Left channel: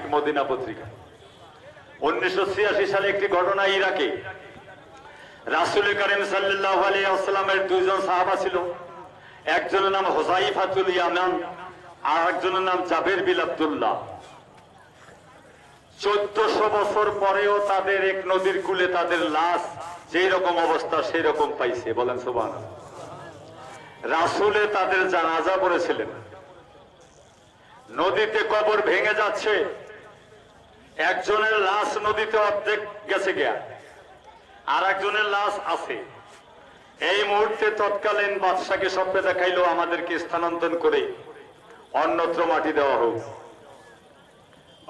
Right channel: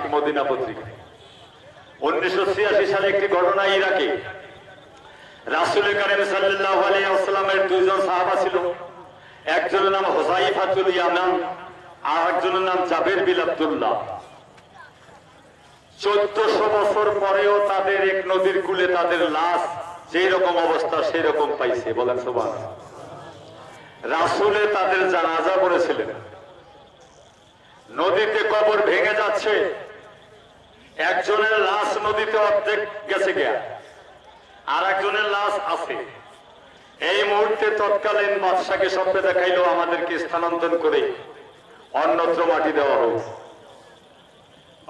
মাসিক মদিনা পত্রিকা। 1986 সালে একটি ঘটনা, ইরাকে রাসূল করিম সাল্লাল্লাহু আলাইহি ওয়াসাল্লামের দুইজন সাহাবা ছিল। একজনের নাম হুযায়ফাতুল ইয়ামান, আর একজনের নাম জাবের বিন আব্দুল্লাহ। 1400 বছর পরেও তাদের এক নদীর কূলে তাদের লাশ যেই রকম অবস্থা সেই রকম পাইছে। বলেন সুবহানাল্লাহ। রাসূলে তাদের জানাজা পড়েছিলেন। নদীতে কবর ভেঙে যাচ্ছে, একজনের লাশ নদীতে অর্ধেক গেছে গিয়া, আর একজনের লাশ আছে। এই মুহূর্তে তৎকালীন বাদশাকে স্বপ্নে দেখাইলো আমাদেরকে স্থানান্তর করে অন্যত্র মাটি দেওয়া হোক।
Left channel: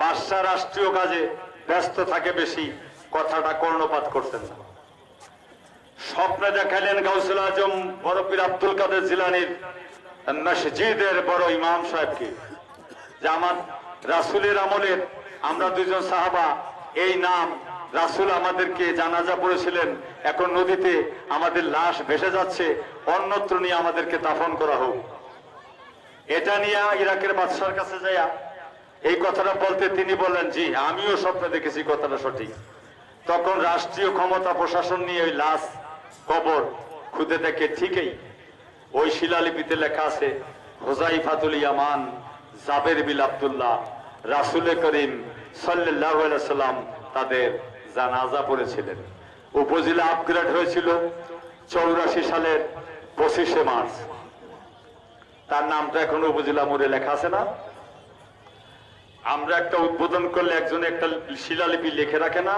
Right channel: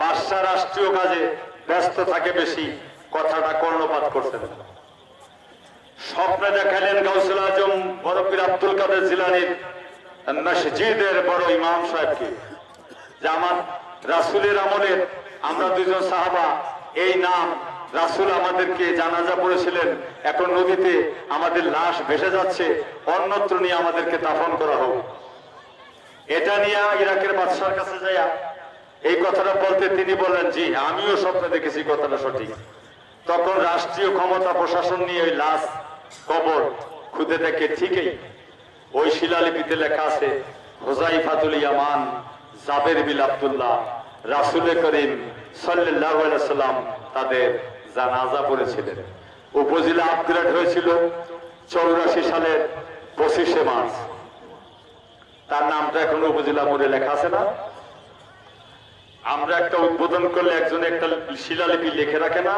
বাদশা রাষ্ট্রীয় কাজে ব্যস্ত থাকে বেশি, কথাটা কর্ণপাত করতেন না। স্বপ্নে দেখাইলেন গাউসুল আজম বড় পীর আব্দুল কাদের জিলানীর মসজিদের বড় ইমাম সাহেবকে, যে আমার রাসূলের আমলের আমরা দুইজন সাহাবা, এই নাম রাসূল আমাদেরকে জানাজা পড়েছিলেন, এখন নদীতে আমাদের লাশ ভেসে যাচ্ছে, অন্যত্র নিয়ে আমাদেরকে দাফন করা হোক। এটা নিয়ে ইরাকের বাদশার কাছে যাইয়া এই কথাটা বলতে তিনি বললেন, জি আমিও স্বপ্নে দেখেছি, কথাটা সঠিক। তখন রাষ্ট্রীয় ক্ষমতা প্রশাসন নিয়ে ওই লাশ কবর খুঁজে দেখে ঠিকই ওই শিলালিপিতে লেখা আছে হুযায়ফাতুল ইয়ামান, জাবের বিন আব্দুল্লাহ, রাসূল করিম সাল্লাল্লাহু আলাইহি ওয়াসাল্লাম তাদের জানাজা পড়েছিলেন। উপজেলা আপগ্রেড হয়েছিল 84 সালের 25শে মার্চ। তার নামটা এখন উপজেলা মোড়ে লেখা আছে না? আমরা একটা উদ্বোধন করলে একজন একটা শিলালিপি লিখে রাখে না?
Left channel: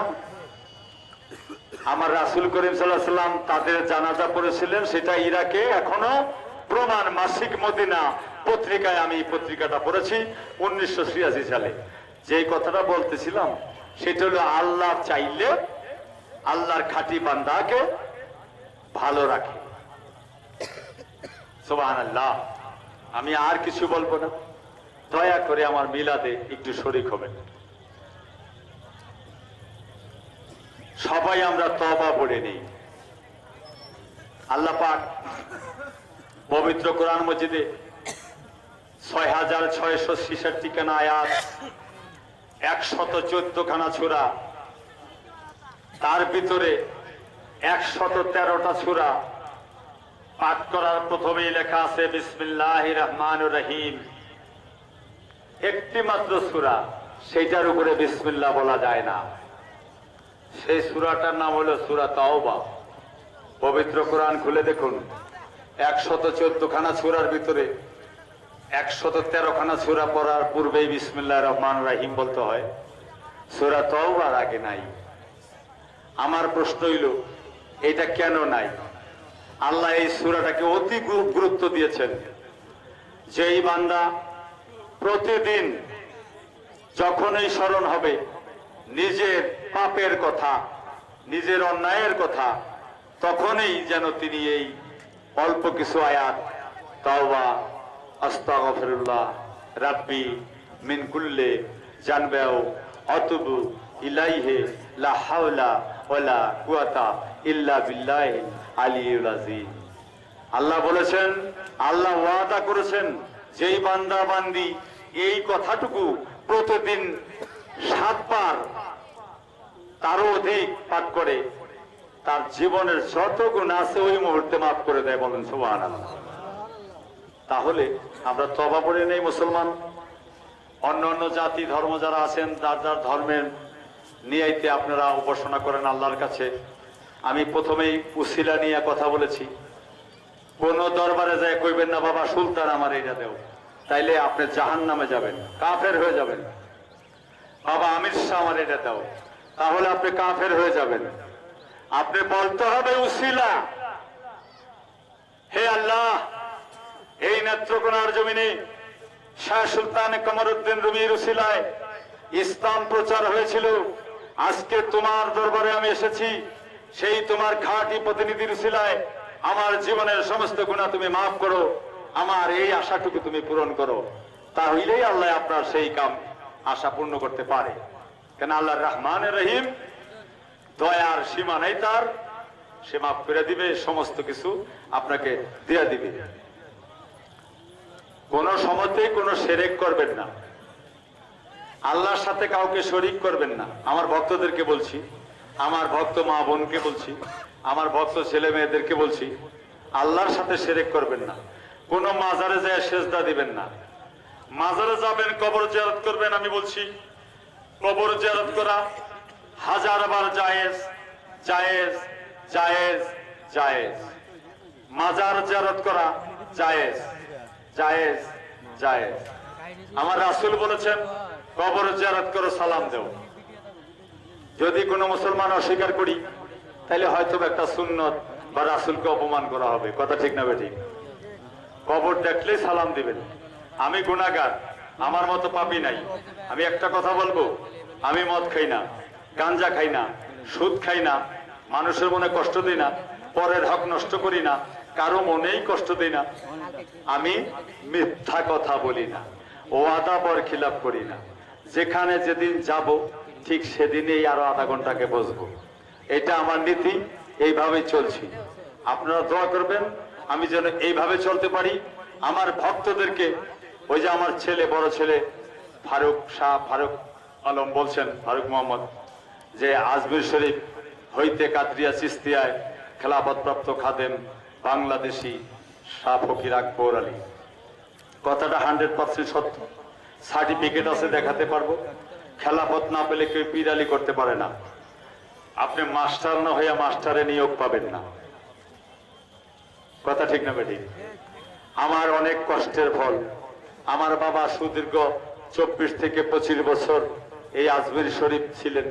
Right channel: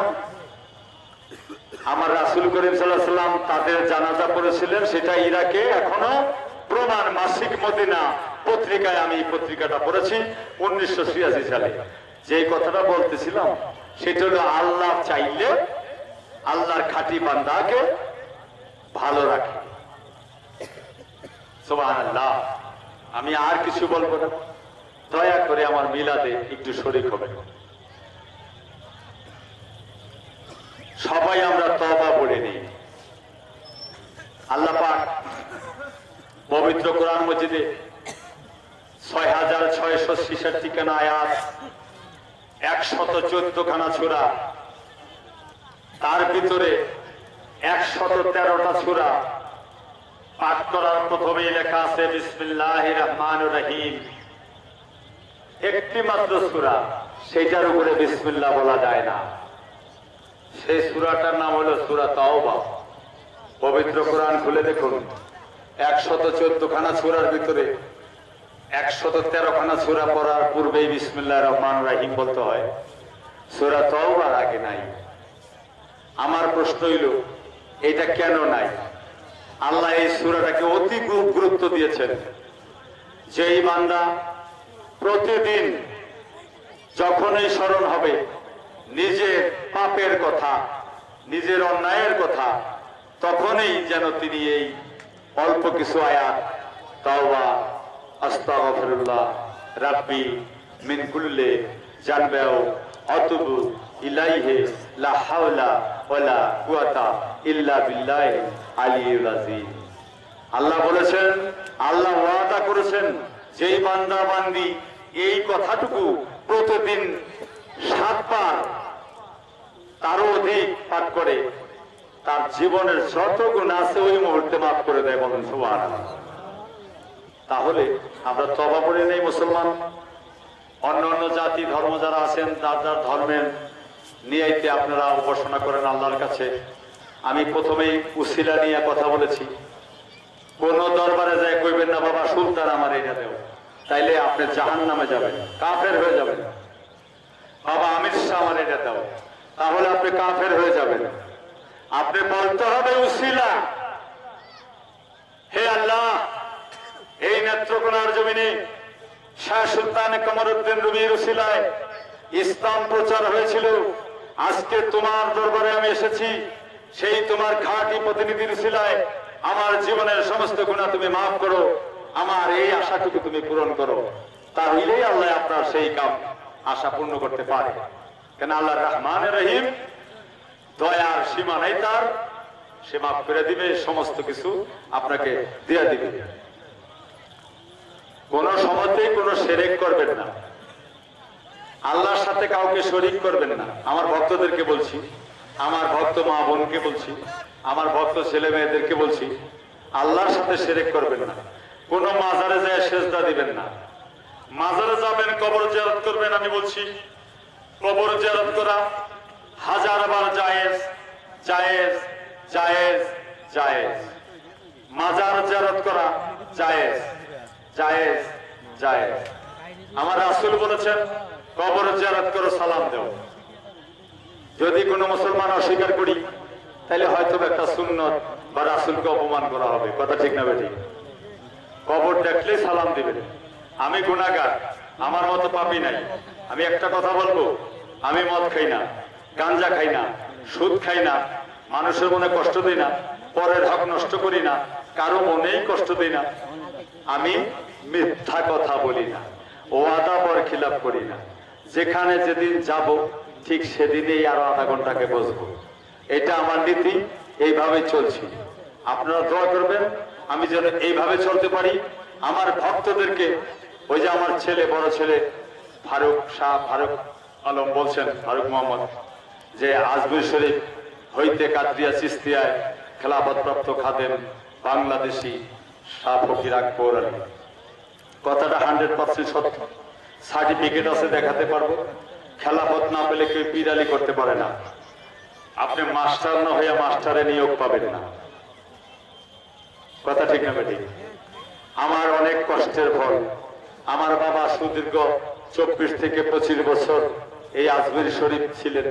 আমার রাসূল করিম সাল্লাল্লাহু আলাইহি ওয়াসাল্লাম তাদের জানাজা পড়েছিলেন, সেটা ইরাকে এখনো প্রমাণ। মাসিক মদিনা পত্রিকায় আমি এই পত্রিকাটা পড়েছি 1986 সালে। যে কথাটা বলতেছিলাম সেটা হলো, আল্লাহ চাইলে আল্লাহর খাঁটি বান্দাকে ভালো রাখে। সুবহানাল্লাহ। আমি আর কিছু বলবো না, দয়া করে আমার মিলাদে একটু শরীক হবে। সবাই আমরা তওবা পড়ে নিই। আল্লাহ পাক পবিত্র কোরআন মজিদে 6666 খানা আয়াত, 114 খানা সূরা, তার ভিতরে 113টা সূরা পাঠ করার প্রথমেই লেখা আছে বিসমিল্লাহির রহমানির রহিম। একটি মাত্র সূরা, সেটার উপরে বিসমিল্লাহ বলা যায় না। সেই সূরাটার নাম হলো সূরা তাওবা। পবিত্র কোরআন খুলে দেখুন, 114 খানা সূরার ভিতরে 113 খানা সূরা পড়ার পূর্বেই বিসমিল্লাহির রহমানির রহিম বলতে হয়, সূরা তাওবার আগে নাই। আমার প্রশ্ন হইল, এটা কেন নাই? আল্লাহ এই সূরাটাকে অতি গুরুত্ব দিয়েছেন। যেই বান্দা প্রতিদিন যখনই স্মরণ হবে নিজের পাপের কথা, নিজের অন্যায়ের কথা, তখনই যেন তিনি এই অল্প কিছু আয়াত তাওবা, আস্তাগফিরুল্লাহ রাব্বি মিন কুল্লি জানবাও আতুবু ইলাইহি লা হাওলা ওয়ালা কুওয়াতা ইল্লা বিল্লাহি আলিয়্যিল আযীম। আল্লাহ বলেছেন, আল্লাহ ওয়াদা করেছেন, যেই বান্দা বান্দি এই কথাটুকু প্রতিদিন 7 বার তারও অধিক পাঠ করে, তার জীবনের যত গুনাহ আছে ওই মুহূর্তে মাফ করে দেয়। বলেন সুবহানাল্লাহ। তাহলে আমরা তওবা পড়ে নেই মুসলমান। অন্য অন্য জাতি ধর্ম যারা আছেন, যার যার ধর্মের নিয়াইতে আপনারা উপাসনা করেন আল্লাহর কাছে। আমি প্রথমেই উসিলা নিয়ে কথা বলেছি। কোন দরবারে যায় কইবেন না বাবা সুলতান আমার এটা দেও, তাইলে আপনি জাহান্নামে যাবেন, কাফের হয়ে যাবেন। বাবা আমির শাহ আমার এটা দাও, তাহলে আপনি কাফের হয়ে যাবেন। আপনি বলতে হবে উসিলা, হে আল্লাহ, এই নেত্রকোনার জমিনে শাহ সুলতান কমরউদ্দিন রুমির উসিলায় ইসলাম প্রচার হয়েছিল। আজকে তোমার দরবারে আমি এসেছি, সেই তোমার খাঁটি প্রতিনিধির উসিলায় আমার জীবনের সমস্ত গুনাহ তুমি মাফ করো, আমার এই আশাটুকু তুমি পূরণ করো। তাহলেই আল্লাহ আপনার সেই কাম আশা পূর্ণ করতে পারে। কেন আল্লাহ রহমানির রহিম, দয়ার সীমা নাই তার, সে মাফ করে দিবে, সমস্ত কিছু আপনাকে দিয়ে দিবে। কোন সময়তেই কোন শিরক করবেন না। আল্লাহর সাথে কাউকে শরীক করবেন না। আমার ভক্তদেরকে বলছি, আমার ভক্ত মা বোনকে বলছি, আমার ভক্ত ছেলে মেয়েদেরকে বলছি, আল্লাহর সাথে শিরক করবেন না। কোন মাজারে যায় সেজদা দিবেন না। মাজারে যাবেন, কবর জিয়ারত করবেন। আমি বলছি কবর জিয়ারত করা হাজারবার জায়েজ, জায়েজ, জায়েজ, জায়েজ। মাজার জিয়ারত করা জায়েজ, জায়েজ, জায়েজ। আমার রাসূল বলেছেন কবর জিয়ারত করো, সালাম দাও। যদি কোনো মুসলমান অস্বীকার করি তাহলে হয়তো একটা সুন্নত বা রাসূলকে অপমান করা হবে। কথা ঠিক না বেঠিক? কবর দেখলে সালাম দিবেন। আমি গুনাহগার, আমার মতো পাপী নাই। আমি একটা কথা বলবো, আমি মদ খাই না, গাঞ্জা খাই না, সুদ খাই না, মানুষের মনে কষ্ট দিই না, পরের হক নষ্ট করি না, কারো মনেই কষ্ট দিই না। আমি মিথ্যা কথা বলি না, ওয়াদা বরখিলাপ করি না। যেখানে যেদিন যাব ঠিক সেদিনেই আরো আধা ঘন্টাকে বসবো। এটা আমার নীতি, এইভাবেই চলছি। আপনারা দোয়া করবেন আমি যেন এইভাবে চলতে পারি। আমার ভক্তদেরকে, ওই যে আমার ছেলে, বড় ছেলে ফারুক শাহ, ফারুক আলম বলছেন, ফারুক মোহাম্মদ, যে আজমির শরীফ হইতে কাদরিয়া চিস্তিয়ায় খেলাফতপ্রাপ্ত খাদেম বাংলাদেশি শাহ ফকির আকবর আলী। কথাটা 100% সত্য। সার্টিফিকেট আছে, দেখাতে পারবো। খেলাফত না পেলে কেউ পীর আলী করতে পারে না। আপনি মাস্টার না হইয়া মাস্টারে নিয়োগ পাবেন না। কথা ঠিক না বেঠিক? আমার অনেক কষ্টের ফল। আমার বাবা সুদীর্ঘ 24 থেকে 25 বছর এই আজমির শরীফ ছিলেন।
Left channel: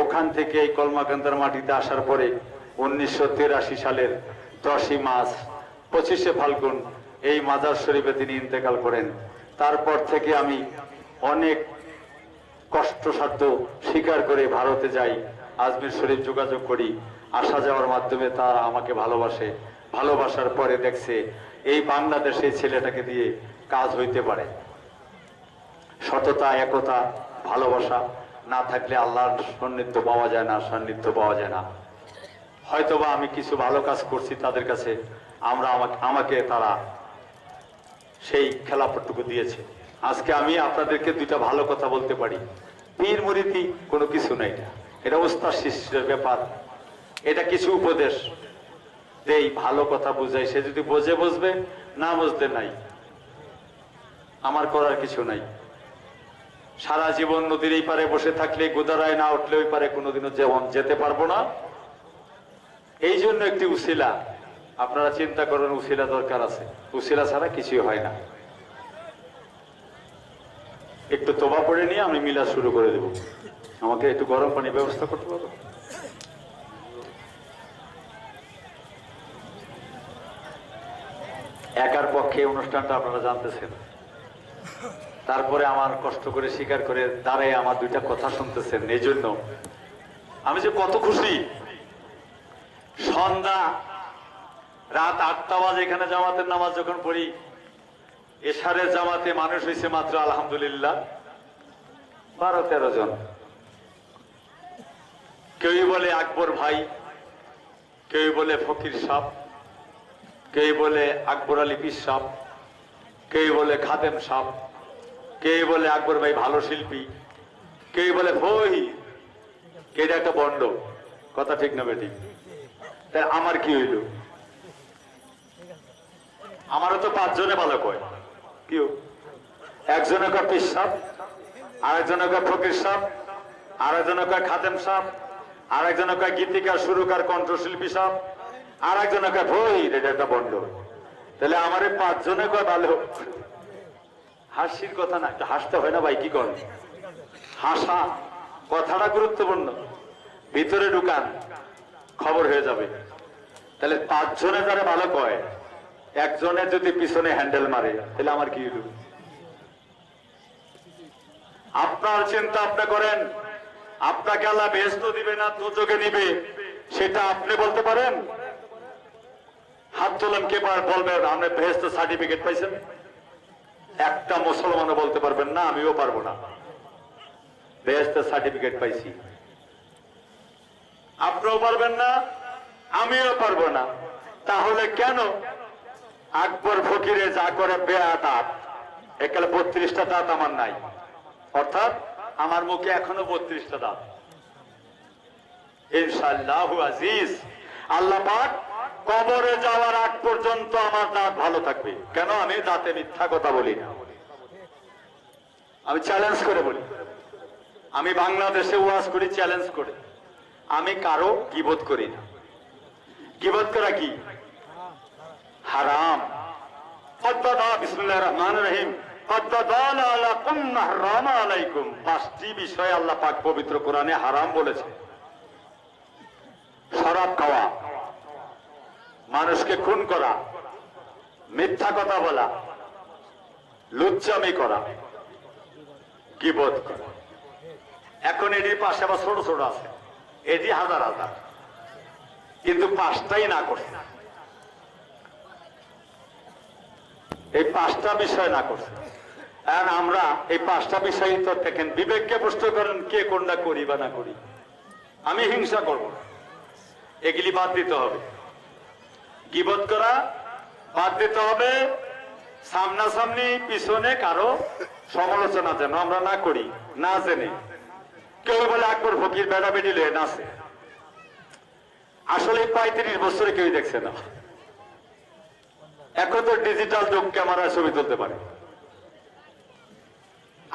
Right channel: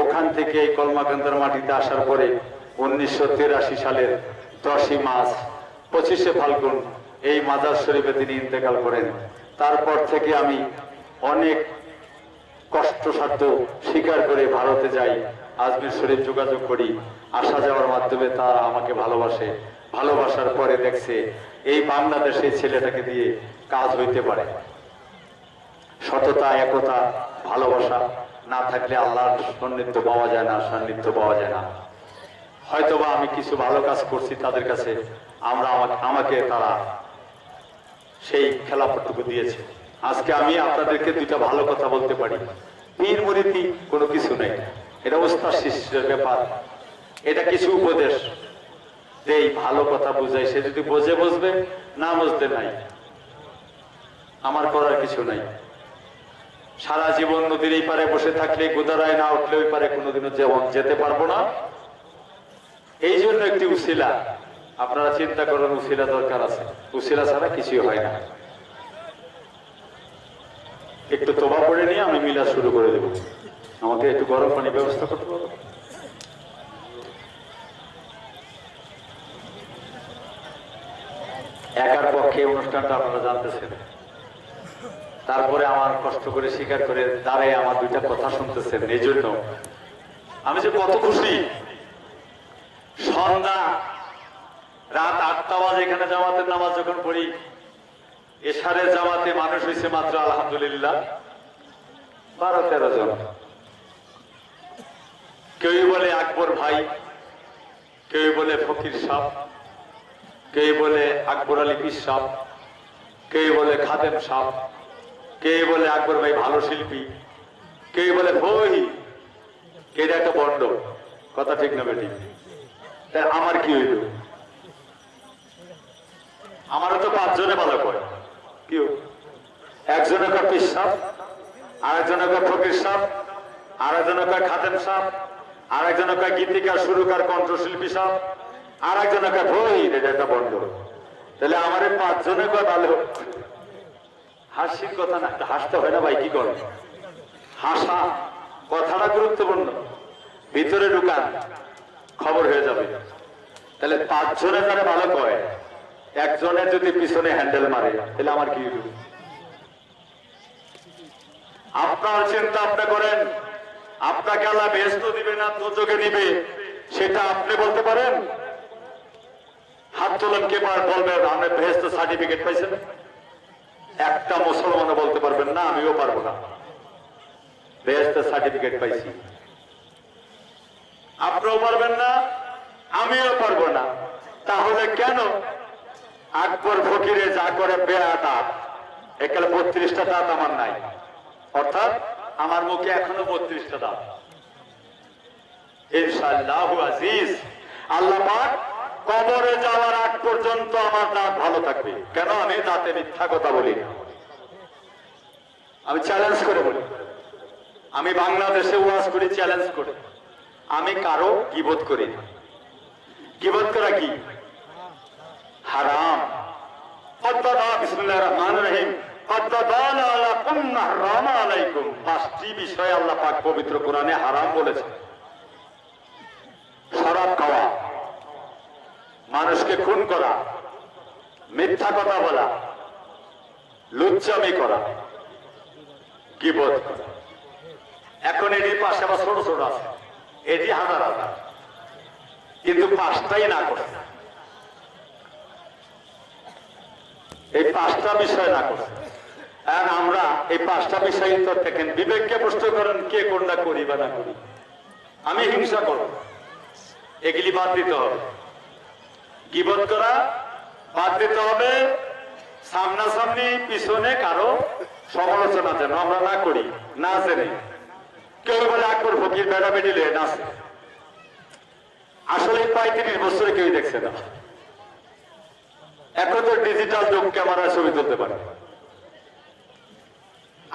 ওখান থেকে এই কলমাকান্দার মাটিতে আসার পরে 1983 সালের 10ই মার্চ 25শে ফাল্গুন এই মাজার শরীফে তিনি ইন্তেকাল করেন। তারপর থেকে আমি অনেক কষ্টসাধ্য স্বীকার করে ভারতে যাই, আজমির শরীফ যোগাযোগ করি। আসা যাওয়ার মাধ্যমে তারা আমাকে ভালোবাসে। ভালোবাসার পরে দেখছে এই বাংলাদেশে ছেলেটাকে দিয়ে কাজ হইতে পারে। সততা, একতা, ভালোবাসা না থাকলে আল্লাহর সান্নিধ্য পাওয়া যায় না, সান্নিধ্য পাওয়া যায় না। হয়তোবা আমি কিছু ভালো কাজ করছি তাদের কাছে, আমাকে তারা সেই খেলাফতটুকু দিয়েছে। আজকে আমি আপনাদেরকে দুইটা ভালো কথা বলতে পারি। পীর মুরিদি কোনো কিছু নেই, এটা ওস্তাদ শিষ্যের ব্যাপার। এটা কিছু উপদেশ দেই, ভালো কথা বুঝাই। সে যদি বোঝে বুঝবে, না বুঝতে নাই, আমার করার কিছু নাই। সারা জীবন নদীর এই পারে বসে থাকলে, গোদারায় না উঠলে ওই পারে কোনোদিনও যেতে পারবো না। এই জন্য একটি উসিলা, আপনারা চিন্তা করেন, উসিলা দরকার আছে। উসিলা ছাড়া কিছুই হয় না। একটু তোবা পড়ে নিয়ে আমি মিলা শুরু করে দেব। আমাকে একটু গরম পানি ব্যবস্থা করতে পারবো? একার পক্ষে অনুষ্ঠানটা আপনারা জানতেছেন। তারপরে আমার কষ্ট করে স্বীকার করে দাঁড়ায় আমার দুইটা কথা শুনতেছেন। এই জন্য আমি যে কত খুশি। সন্ধ্যা রাত 8টা বাজে এখানে জামাতের নামাজ যখন পড়ি, এশারের জামাতে মানুষ হয়েছে মাত্র আলহামদুলিল্লাহ 12-13 জন। কেউ বলে আকবর ভাই, কেউ বলে ফকির সাহ, কেউ বলে আকবর আলী পীর সাহ, কেউ বলে খাদেম সাহ, কেউ বলে আকবর ভাই ভালো শিল্পী, কেউ বলে ভই, কেউ একটা বন্ড। কথা ঠিক না বেঠিক? তাই আমার কি হইল? আমারও তো 5 জনে ভালো কয়। কেউ একজনে কয় পীর সাহ, আরেকজনে কয় ফকির সাহ, আরেকজনে কয় খাদেম সাহ, আরেকজনে কয় গীতিকার, সুরকার, কণ্ঠশিল্পী সাহ, আরেকজনে কয় ভই, এটা একটা বন্ড। তাহলে আমার 5 জনে কয় ভালো। হাসির কথা না, হাসতে হয় না ভাই, কি করেন? হাসা কথাটা গুরুত্বপূর্ণ। ভিতরে ঢুকান, খবর হয়ে যাবে। তাহলে 5 জনে যারা ভালো কয়, একজনের যদি পিছনে হ্যান্ডেল মারে, তাহলে আমার কি হইল? আপনার চিন্তা আপনি করেন। আপনাকে আল্লাহ বেহেশত দিবে না দোজখে দিবে, সেটা আপনি বলতে পারেন? হাত তোলেন, কে বলবে আপনি বেহেশত সার্টিফিকেট পাইছেন? একটা মুসলমানও বলতে পারবেন না, আমিও পারবো না। বেহেশতের সার্টিফিকেট পাইছি, আপনিও পারবেন না, আমিও পারবো না। তাহলে কেন আকবর ফকিরে যা করে বেয়া দাঁত, একালে 32টা দাঁত আমার নাই, অর্থাৎ আমার মুখে এখনো 32টা দাঁত। ইনশাআল্লাহু আজিজ, আল্লাহ পাক কবরে যাওয়ার আগ পর্যন্ত আমার দাঁত ভালো থাকবে। কেন? আমি দাঁতে মিথ্যা কথা বলি না। আমি চ্যালেঞ্জ করে বলি, আমি বাংলাদেশে ওয়াজ করি চ্যালেঞ্জ করে, আমি কারো গীবত করি না। গীবত করা কি? হারাম। বিসমিল্লাহির রহমানির রহিম। পাঁচটি বিষয় আল্লাহ পাক পবিত্র কোরআনে হারাম বলেছে। শরাব খাওয়া, মানুষকে খুন করা, মিথ্যা কথা বলা, লুচ্চামি করা, গীবত করা। এখন এটির পাশে আবার ছোট ছোট আছে, এটি হাজার হাজার, কিন্তু পাঁচটাই না করছে। এই পাঁচটা বিষয় না করছে। আর আমরা এই পাঁচটা বিষয় তো দেখেন, বিবেককে প্রশ্ন করেন কে কোনটা করি বা না করি। আমি হিংসা করব, এগুলি বাদ দিতে হবে। গীবত করা বাদ দিতে হবে। সামনাসামনি পিছনে কারো সমালোচনা যেন আমরা না করি, না জেনে। কেউ বলে আকবর ফকির বেড়া বেড়ি লয়ে নাচে, আসলে 35 বছরে কেউ দেখছে না। এখন তো ডিজিটাল যুগ, ক্যামেরায় ছবি তুলতে পারে।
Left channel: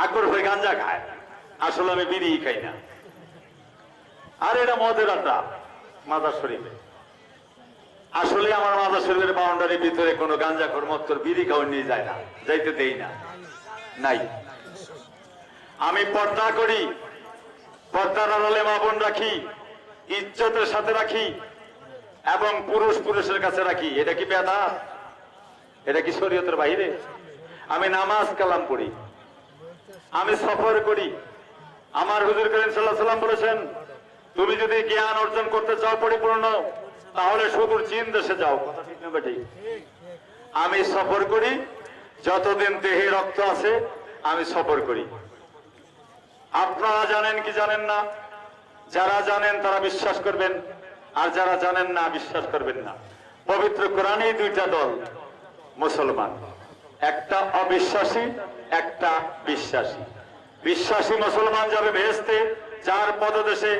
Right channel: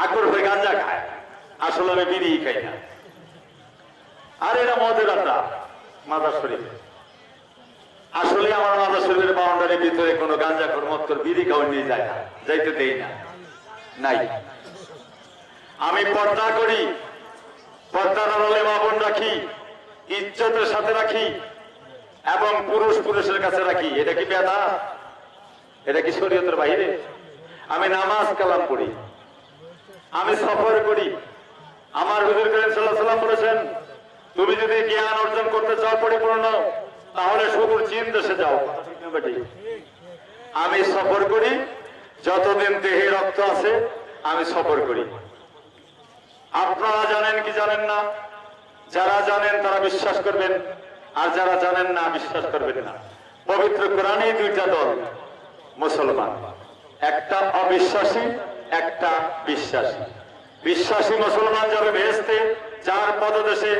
আকবর ভাই গাঞ্জা খায়, আসলে আমি বিড়ি খাই না। আর এটা মদের আড্ডা মাদার শরীফে। আসলে আমার মাদার শরীফের বাউন্ডারির ভিতরে কোনো গাঞ্জাখোর মত্তর বিড়ি খাওয়া নিয়ে যায় না, যাইতে দেই না, নাই। আমি পর্দা করি, পর্দার আড়ালে মা বোন রাখি, ইজ্জতের সাথে রাখি, এবং পুরুষ পুরুষের কাছে রাখি। এটা কি বেদা? এটা কি শরীয়তের বাইরে? আমি নামাজ কালাম পড়ি, আমি সফর করি। আমার হুজুর করিম সাল্লাল্লাহু আলাইহি ওয়াসাল্লাম বলেছেন, তুমি যদি জ্ঞান অর্জন করতে চাও পরিপূর্ণ, তাহলে সুদূর চীন দেশে যাও। আমি সফর করি, যতদিন দেহে রক্ত আছে আমি সফর করি। আপনারা জানেন কি জানেন না? যারা জানেন তারা বিশ্বাস করবেন, আর যারা জানেন না বিশ্বাস করবেন না। পবিত্র কোরআনে দুইটা দল মুসলমান, একটা অবিশ্বাসী, একটা বিশ্বাসী। বিশ্বাসী মুসলমান যাবে বেহেশতে, যার পদদেশে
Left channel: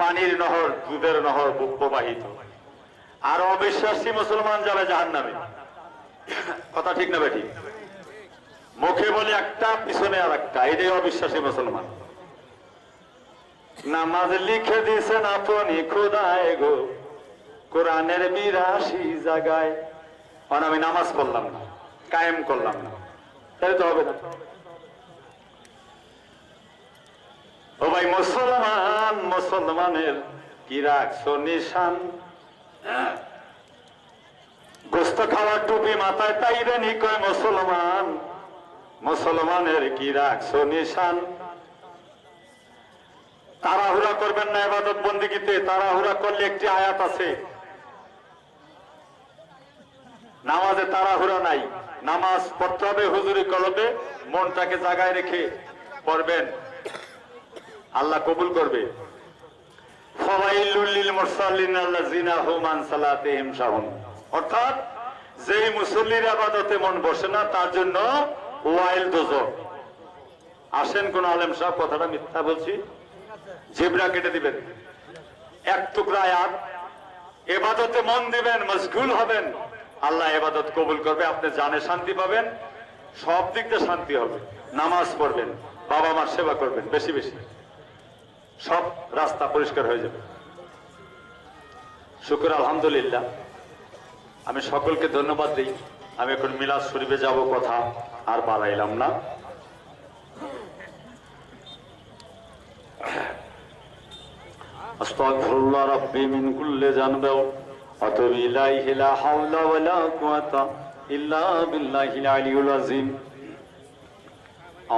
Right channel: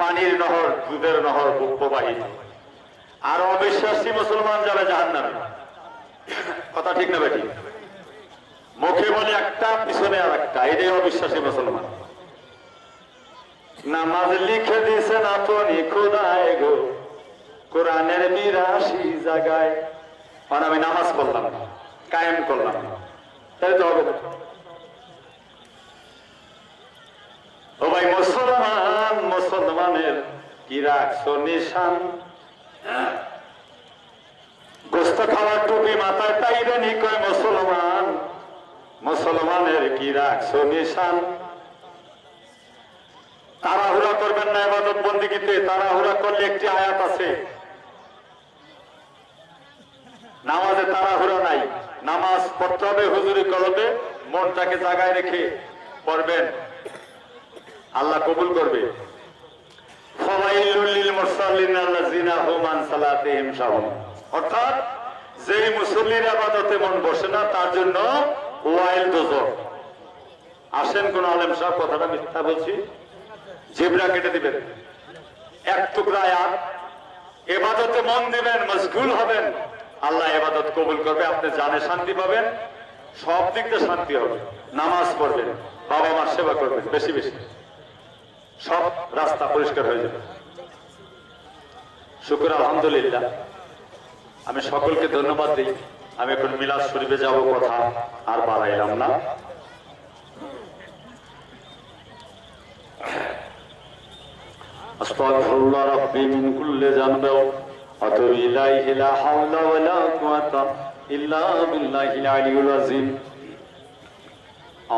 পানির নহর, দুধের নহর প্রবাহিত। আর অবিশ্বাসী মুসলমান যাবে জাহান্নামে। কথা ঠিক না বেটি? মুখে বলে একটা, পিছনে আর একটা, এটাই অবিশ্বাসী মুসলমান। নামাজ লিখে দিয়েছেন আপনি খোদায় গো, কোরআনের 82 জায়গায়। মানে আমি নামাজ পড়লাম না, কায়েম করলাম না, তাই তো হবে না। ও ভাই মুসলমান, মুসলমানের কি রাখছো নিশান? গোস্ত খাওয়ার টুপি মাথায় তাইরে নি কয় মুসলমান, মুসলমানের কি রাখছো নিশান? তাড়াহুড়া করবেন না ইবাদত বন্দেগীতে। তাড়াহুড়া করলে একটি আয়াত আছে, নামাজে তাড়াহুড়া নাই। নামাজ পড়তে হবে হুজুরি কলবে, মনটাকে জায়গায় রেখে পড়বেন, আল্লাহ কবুল করবে। ফাওয়াইলুল লিল মুসাল্লিন আল্লাযিনা হুম আন সালাতিহিম সাহুন। অর্থাৎ যেই মুসল্লির ইবাদতে মন বসে না, তার জন্য ওয়াইল দোজখ। আসেন কোন আলেম সাহেব, কথাটা মিথ্যা বলছি, জিবরা কেটে দিবেন। এক টুকরা আয়াত, ইবাদতে মন দিবেন, মশগুল হবেন, আল্লাহ ইবাদত কবুল করবে। আপনি জানে শান্তি পাবেন, সব দিক দিয়ে শান্তি হবে। নামাজ পড়বেন, বাবা মার সেবা করবেন বেশি বেশি, সব রাস্তা পরিষ্কার হয়ে যাবে। শুকর আলহামদুলিল্লাহ। আমি সকলকে ধন্যবাদ দিই। আমি এখন মিলাদ শরীফে যাব, কথা আর বাড়াইলাম না। আস্তাগফিরুল্লাহ রাব্বি মিন কুল্লি যানবিন ওয়া আতুবু ইলাইহি লা হাওলা ওয়া লা কুওয়াতা ইল্লা বিল্লাহিল আলিয়্যিল আযীম।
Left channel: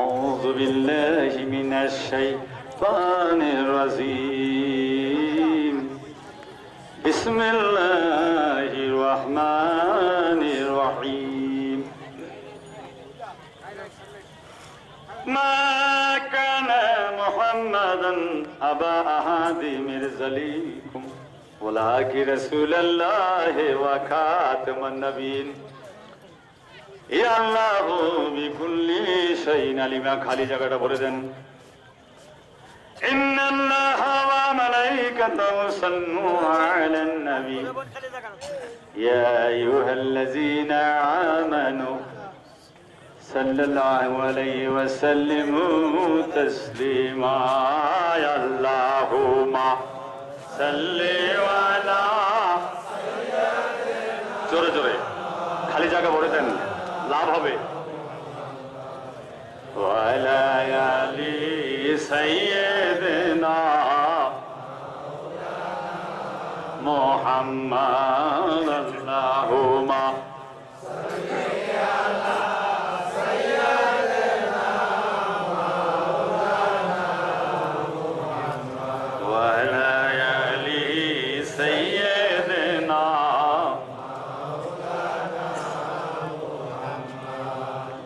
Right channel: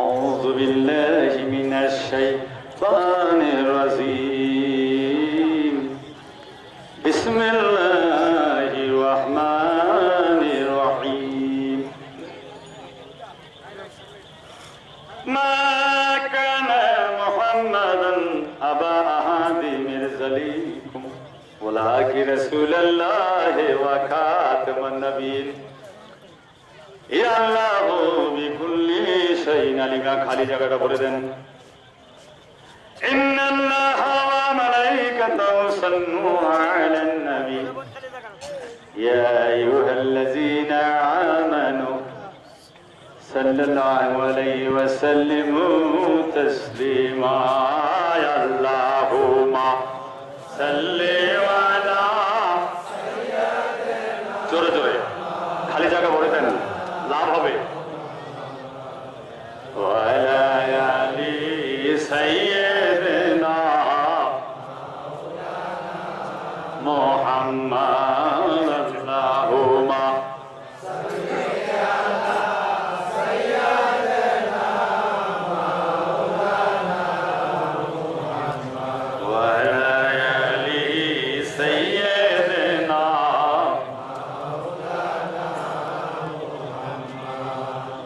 আউযু বিল্লাহি মিনাশ শাইতানির রাজীম। বিসমিল্লাহির রাহমানির রহিম। মা কানা মুহাম্মাদান আবা আহাদি মির যালিকুম ওয়ালাকিন রাসূলুল্লাহি ওয়া খাতামান নবিয়্যিন। ইয়া আল্লাহু বিকুল্লি শাইইন আলিমা। খালি জায়গাটা ভরে দেন। صلوا على النبي يا أيها الذين آمنوا صلى الله عليه وسلم تسليما يا اللهم صل على জোরে জোরে খালি জায়গা ভরে দেন লাভ হবে وعلى آل سيدنا محمد اللهم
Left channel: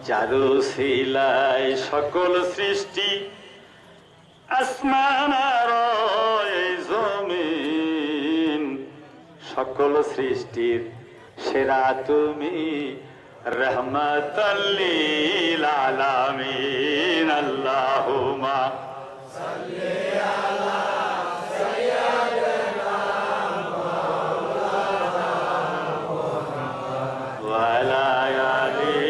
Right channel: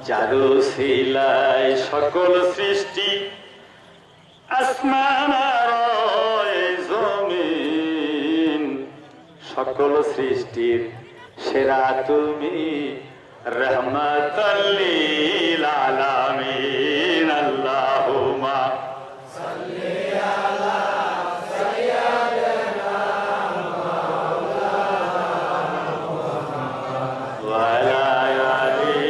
যারু শিলাই সকল সৃষ্টি আসমান আর জমিন সকল সৃষ্টির সেরা তুমি রহমতাল লিল আলামিন আল্লাহুম্মা সাল্লি আলা সাইয়্যিদিনা মাওলানা মুহাম্মদ ওয়া আলা আলি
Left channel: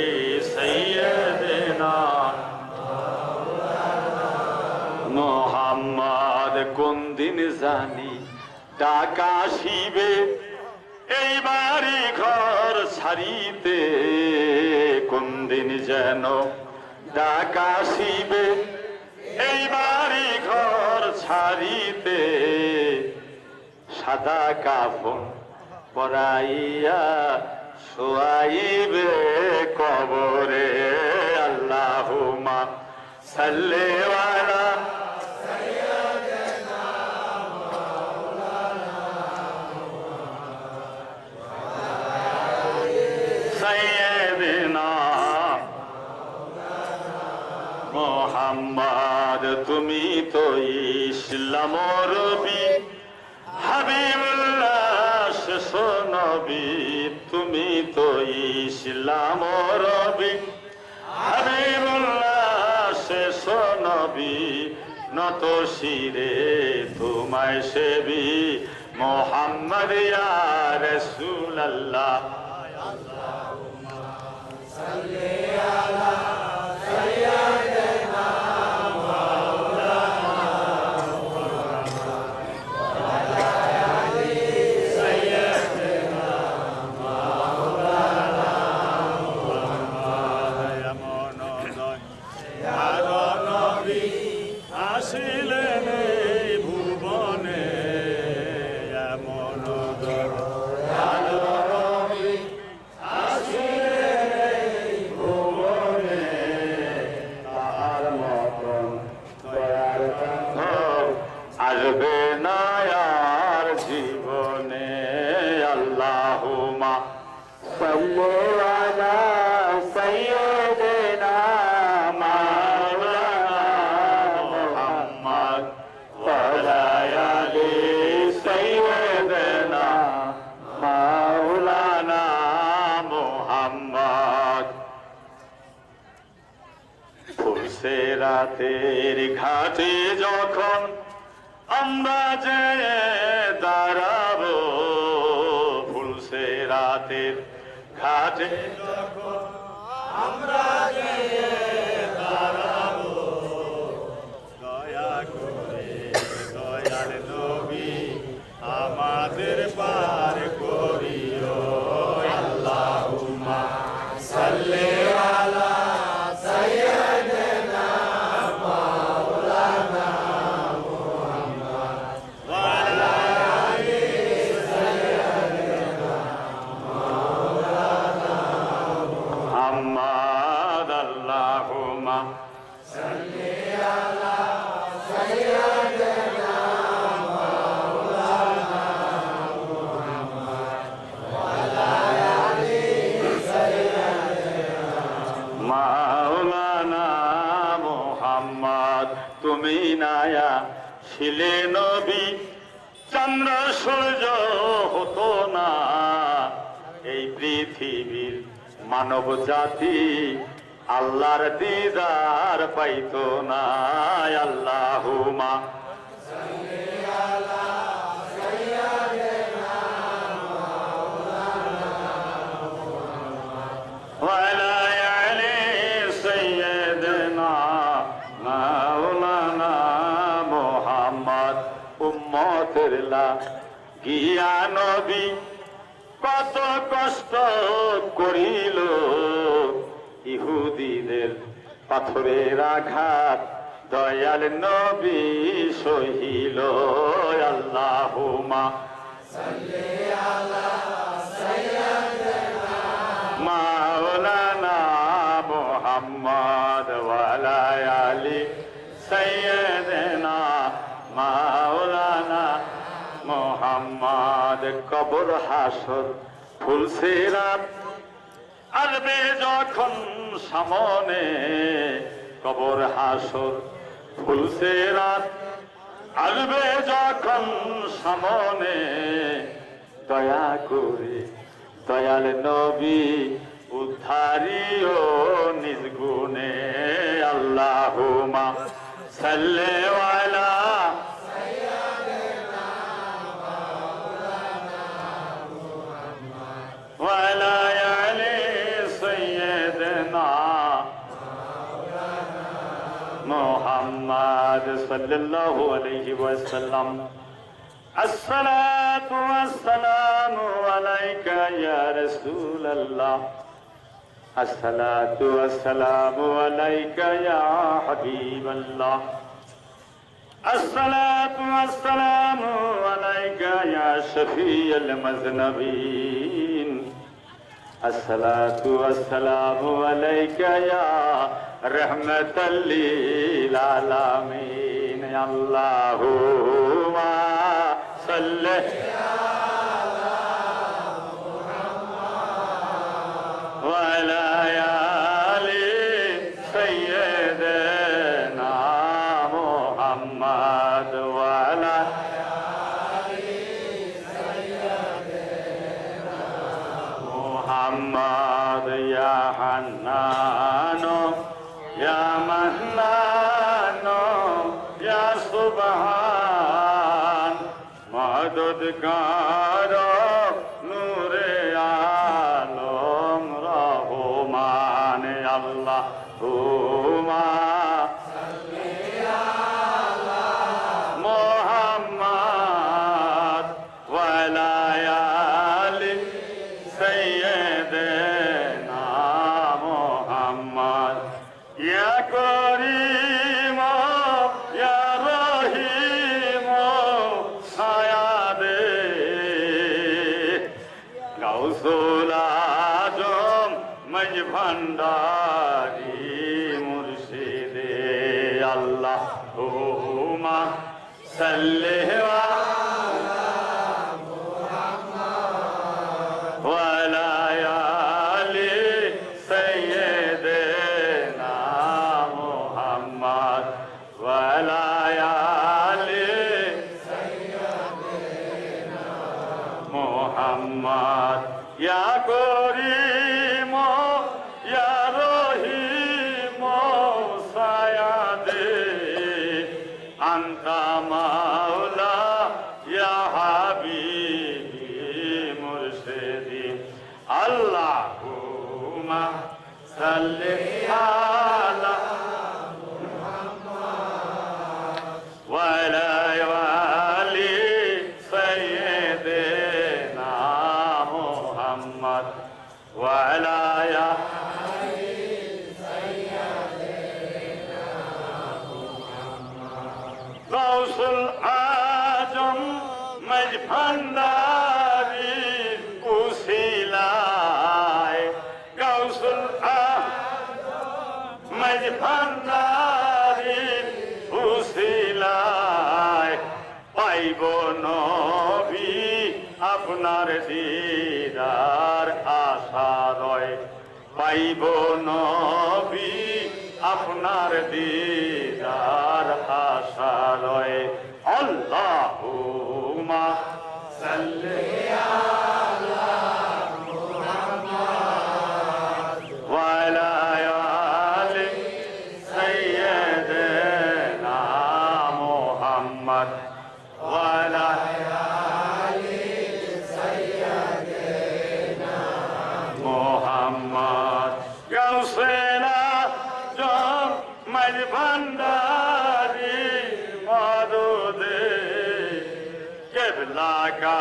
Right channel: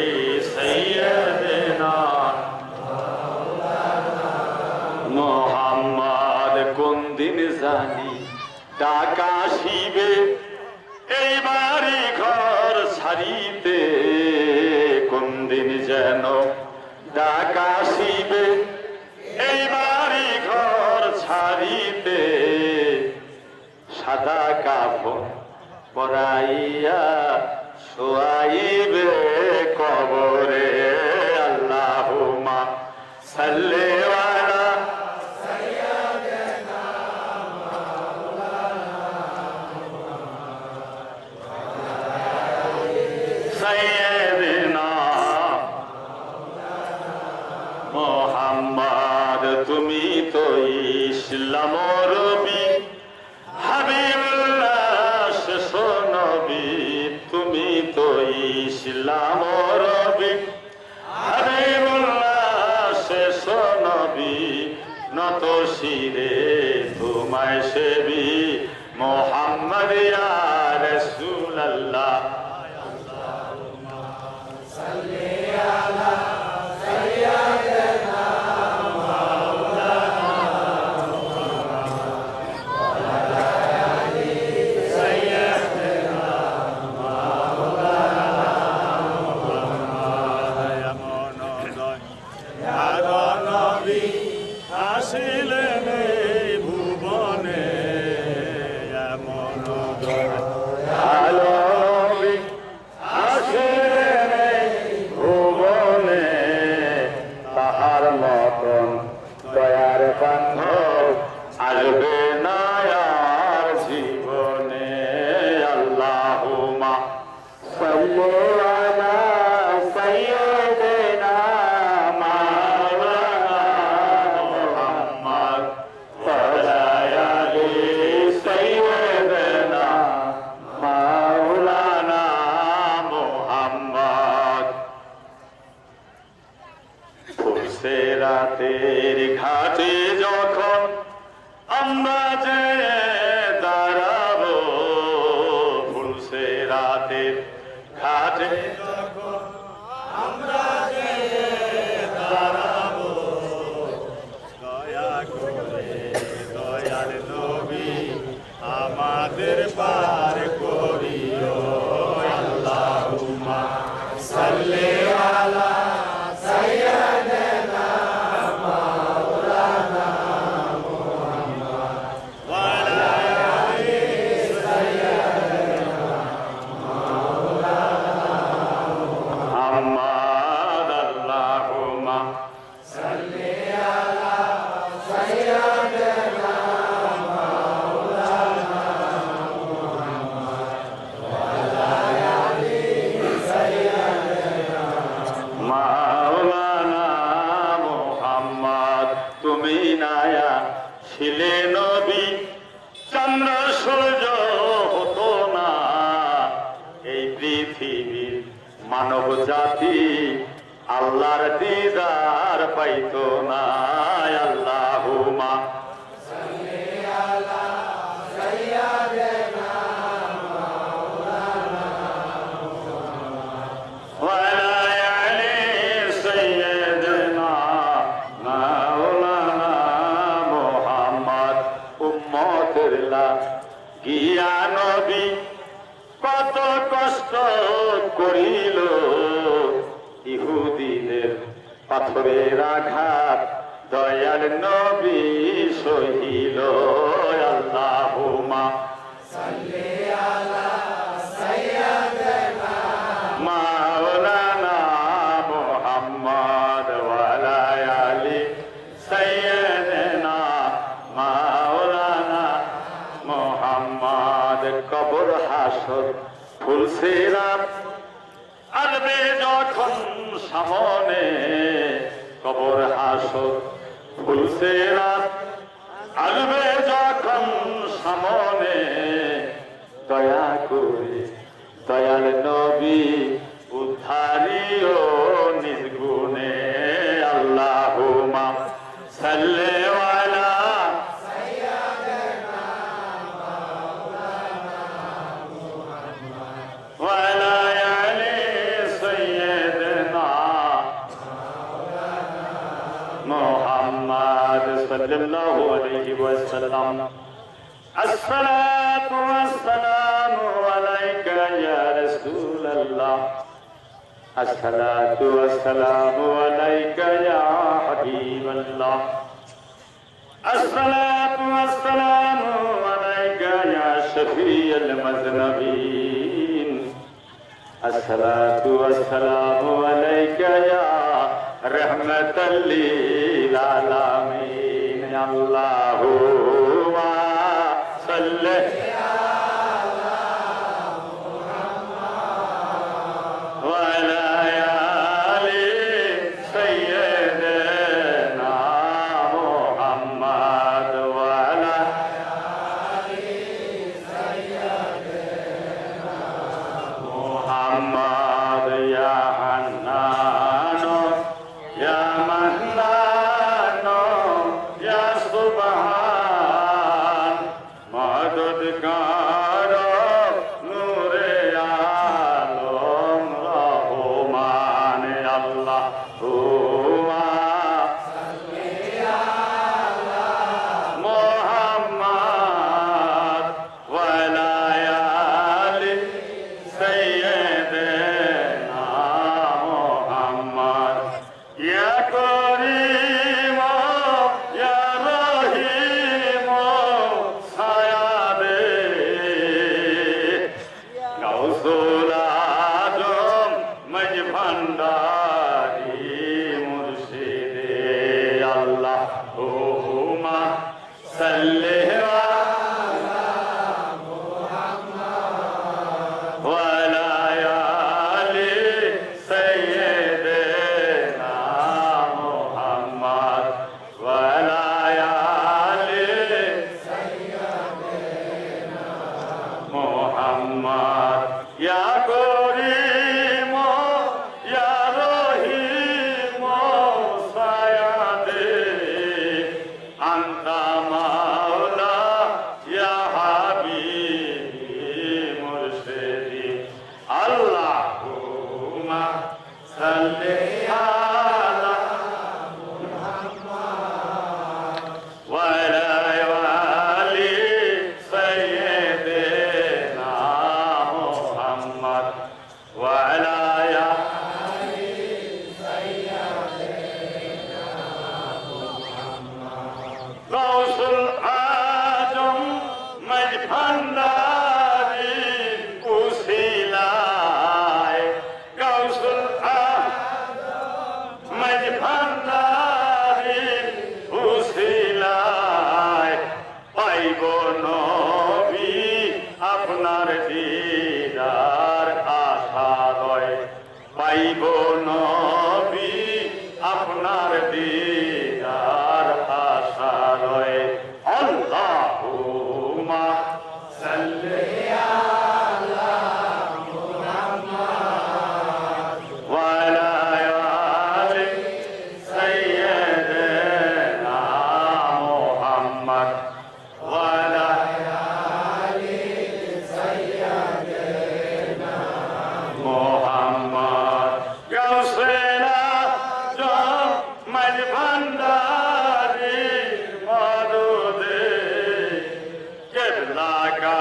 সাইয়্যিদিনা মাওলানা মুহাম্মদ কোন দিন জানি ডাকা আসিবে এই বাড়ি ঘর ছাড়িতে কোন দিন যেন ডাকা আসিবে এই বাড়ি ঘর ছাড়িতে সাদা কাপড় পরাইয়া শোয়াইবে কবরে আল্লাহুম্মা সাল্লি আলা মোহাম্মদ তুমি তো ইসলাম রবি হাবিবুল্লাহ শেষ নবী তুমি তো ইসলাম রবি হাবিবুল্লাহ শেষ নবী নত শিরে তোমায় সেবি মোহাম্মদ ইয়া রাসূলুল্লাহ আল্লাহুম্মা সাল্লি আলা সাইয়্যিদিনা মাওলানা মুহাম্মদ ওয়া আলা আলি সাইয়্যিদিনা মাওলানা মুহাম্মদ এমন দয়ার নবী আসিলেন এই ভুবনে এমন দয়ার নবী আসিলেন এই ভুবনে তাহার মতন দয়ার বান্ধব আসবে না আর জীবনে আল্লাহুম্মা সাল্লি আলা সাইয়্যিদিনা মাওলানা মুহাম্মদ ওয়া আলা আলি সাইয়্যিদিনা মাওলানা মুহাম্মদ ফুলসেরাতের ঘাটে যখন আমরা যে দাঁড়াবো ফুলসেরাতের ঘাটে যখন আমরা যে দাঁড়াবো দয়া করে দয়ার নবী আমাদের পার করিও আল্লাহুম্মা সাল্লি আলা সাইয়্যিদিনা মাওলানা মুহাম্মদ ওয়া আলা আলি সাইয়্যিদিনা মাওলানা মুহাম্মদ আল্লাহুম্মা সাল্লি আলা সাইয়্যিদিনা মাওলানা মুহাম্মদ ওয়া আলা আলি সাইয়্যিদিনা মাওলানা মুহাম্মদ তুমি নায়া ছিলে নবী চন্দ্র সূর্য হতো না এই পৃথিবীর মানব জাতি আল্লাহর দিদার পাইতো না আল্লাহুম্মা সাল্লি আলা গিয়া নবী কত কষ্ট করিল, ইহুদিদের পাথরের আঘাত দয়াল নবী সহিল। আল্লাহুম্মা সাল্লি আলা সাইয়্যিদিনা মাওলানা মুহাম্মদ ওয়া আলা আলি সাইয়্যিদিনা মাওলানা মুহাম্মদ। কবর হাসর ফুলসিরাত আসবে যখন সামনে, কবর হাসর ফুলসিরাত আসবে যখন সামনে, দয়া করে দয়াল নবী উদ্ধারিও নিজ গুণে। আল্লাহুম্মা সাল্লি আলা ওয়া আলা আলি সাইয়্যিদিনা মুহাম্মদ সাল্লাল্লাহু আলাইহি ওয়াসাল্লাম। আসসালাতু ওয়াসসালামু আলাইকা ইয়া রাসূলাল্লাহ, আসসালাতু ওয়াসসালামু আলাইকা ইয়া হাবিবাল্লাহ, আসসালাতু ওয়াসসালামু আলাইকা ইয়া শফিউল মুযনিবিন, আসসালাতু ওয়াসসালামু আলাইকা ইয়া রাহমাতাল লিল আলামিন। আল্লাহুম্মা সাল্লি আলা মুহাম্মদ ওয়া আলা আলি সাইয়্যিদিনা মুহাম্মদ ওয়া আলা আলি সাইয়্যিদিনা মুহাম্মদ। ইয়া হান্নান ইয়া মান্নান ইয়া সুবহান, মদদগার নূরে আলম রহমান। আল্লাহুম্মা সাল্লি আলা মুহাম্মদ ওয়া আলা আলি সাইয়্যিদিনা মুহাম্মদ। ইয়া করিম ইয়া রহিম সায়াদে গাউসুল আজম মজ ভান্ডারি মুর্শিদে। আল্লাহুম্মা সাল্লি আলা মুহাম্মদ ওয়া আলা আলি সাইয়্যিদিনা মুহাম্মদ ওয়া আলা আলি সাইয়্যিদিনা মুহাম্মদ। ইয়া করিম ইয়া রহিম সায়াদে আনতা মাওলা ইয়া হাবিবি মুর্শিদি। আল্লাহুম্মা সাল্লি আলা ওয়া আলা আলি সাইয়্যিদিনা মুহাম্মদ ওয়া আলা আলি সাইয়্যিদিনা মুহাম্মদ। গাউসুল আজম মজ ভান্ডারি উসিলায়, গাউসুল আজম মজ ভান্ডারি উসিলায়, পাইব নবী আপনার দিদার আশা রয়, পাইব নবী আপনার দিদার আশা রয়। আল্লাহুম্মা সাল্লি আলা মুহাম্মদ ওয়া আলা আলি সাইয়্যিদিনা মুহাম্মদ ওয়া আলা আলি সাইয়্যিদিনা মুহাম্মদ। গাউসুল আজম মজ ভান্ডারি মদদে কিবলা কা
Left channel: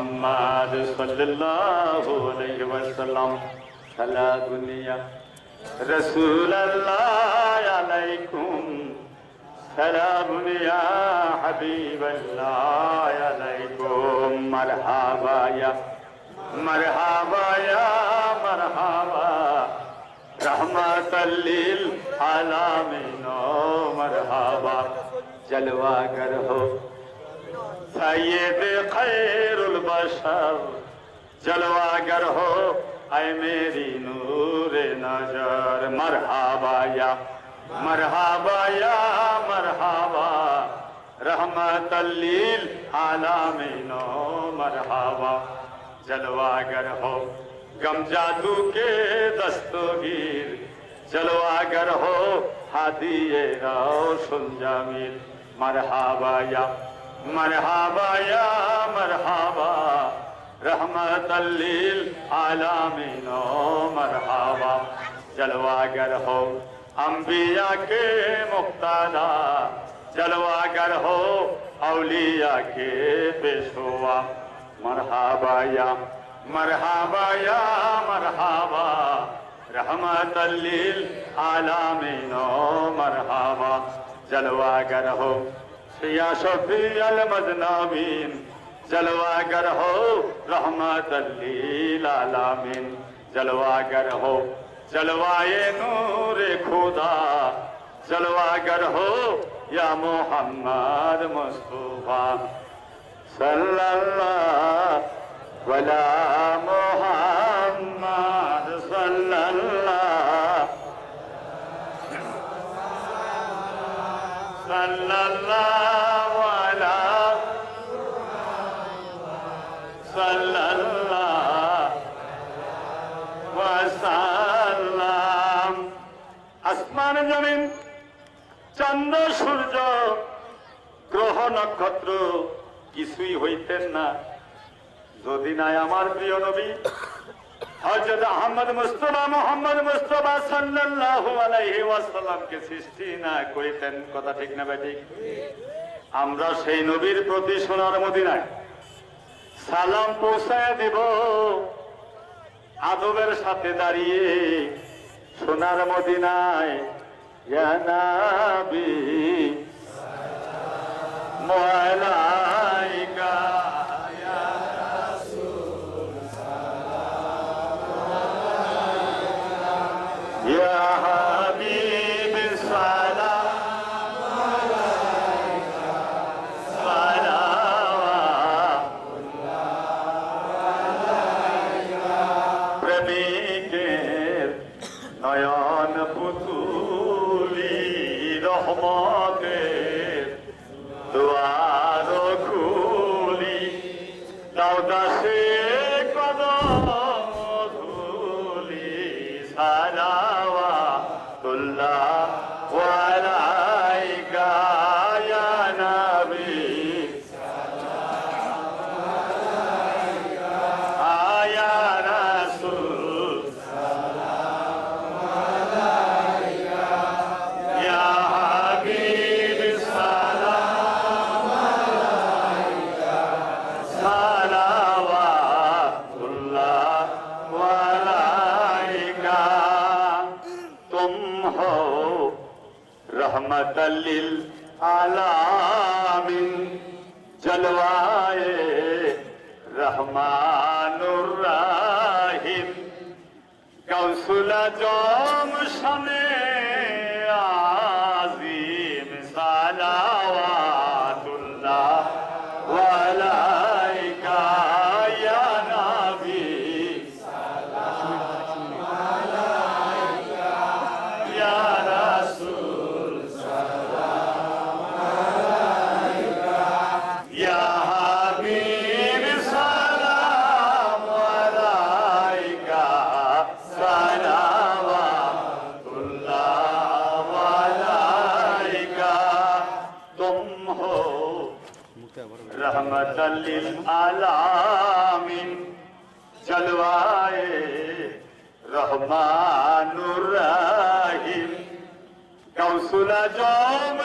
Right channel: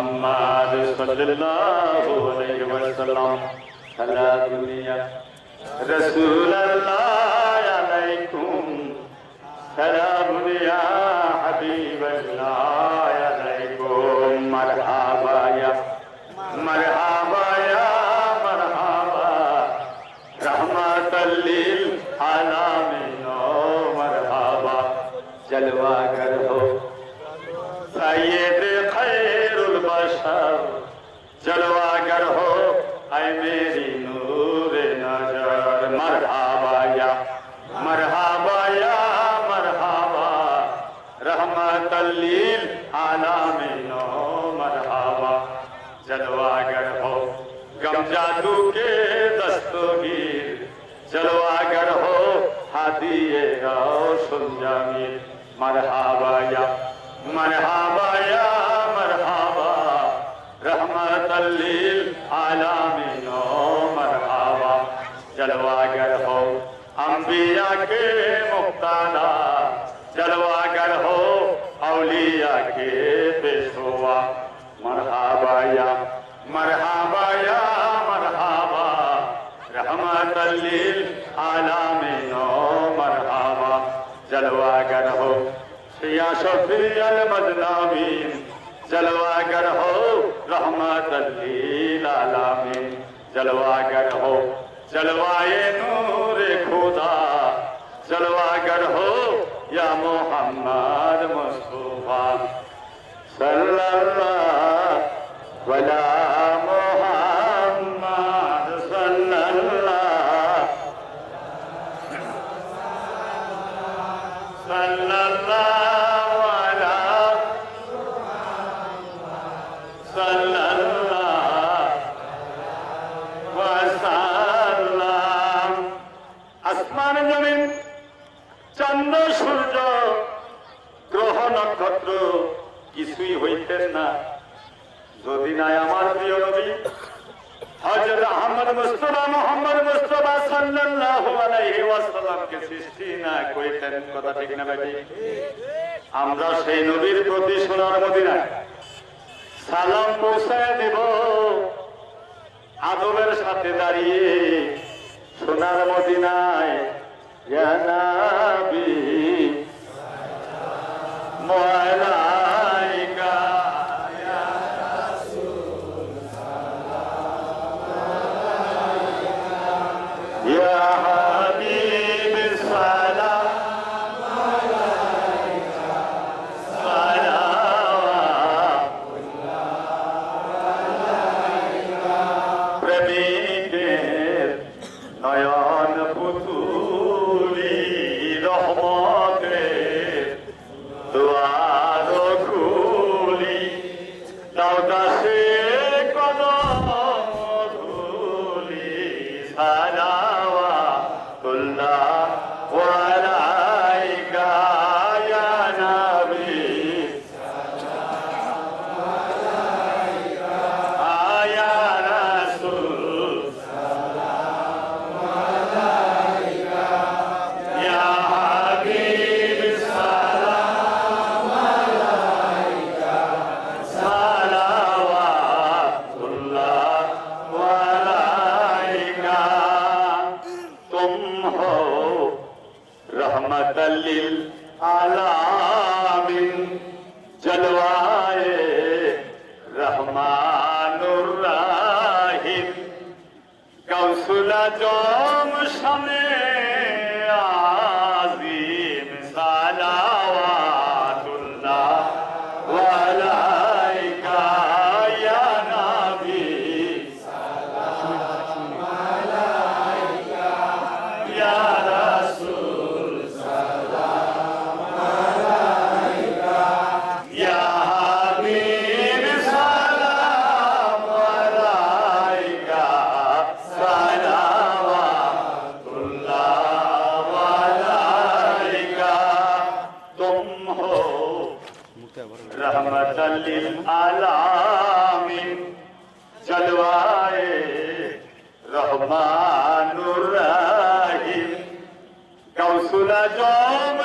मोहम्मद सल्लल्लाहु अलैहि वसल्लम सला दुनिया रसूल अल्लाह अलैकुम सलाम या हबीब अल्लाह अलैकुम मरहबा या मरहबा या मरहबा रहमतल लिल आलमीन मरहबा जलवागर हो सैयद खैरुल बशर जलवागर हो ऐ मेरी नूर नजर मरहबा या मरहबा या मरहबा रहमतल लिल आलमीन मरहबा जलवागर हो गम जादू के दस्तगीर जलवागर हो हादिए रोशन जमील मरहबा या मरहबा रहमतल लिल आलमीन मरहबा जलवागर हो अंबिया के मुक्तादा जलवागर हो औलिया के पेशवा मरहबा या मरहबा रहमतल लिल आलमीन मरहबा जलवागर हो या शफीअल मजनबीन जलवागर हो रहमतल लिल आलमीन जलवागर हो जलवाए नूर खुदा जलवागर हो या मोहम्मद मुस्तफा सल्लल्लाहु अला मुहम्मद सल्लल्लाहु अला सल्लल्लाहु वसल्लम আসমান জমিন চন্দ্র সূর্য গ্রহ নক্ষত্র কিছুই হইতেন না যদি নাই আমার প্রিয় নবী হযরত আহমদ মুস্তাফা মুহাম্মদ মুস্তাফা সাল্লাল্লাহু আলাইহি ওয়াসাল্লামকে সৃষ্টি না করিতেন। কথা ঠিক না বেটি? আমরা সেই নবীর প্রতি সোনার মদিনায় সালাম পৌঁছায় দেব আদবের সাথে দাঁড়িয়ে সোনার মদিনায় ইয়া নবী মালাইকা ইয়া রাসূল সালাম ইয়া হাবিব সালাম আলাইকা সালাওয়াতুল্লাহ প্রেমিকের নয়ন পুতুলি রহমতের দুয়ার খুলি দাও দাসে কদম ধুলি সালাওয়াতুল্লাহ আলাইকা ইয়া নবী ইয়া রাসূল ইয়া হাবিব সালাম আলাইকা সালাওয়াতুল্লাহ আলাইকা তুম হো रहमतल लिल आलमीन जलवाए रहमानुर रहीम गौसुल आजम शमे आज़ीम सलावतुल्लाह अलैका या नबी या रसूल या हबीब सलाम अलैका सलावतुल्लाह अलैका तुम हो रहमतल लिल आलमीन जलवाए रहमानुर रहीम गौसुल आजम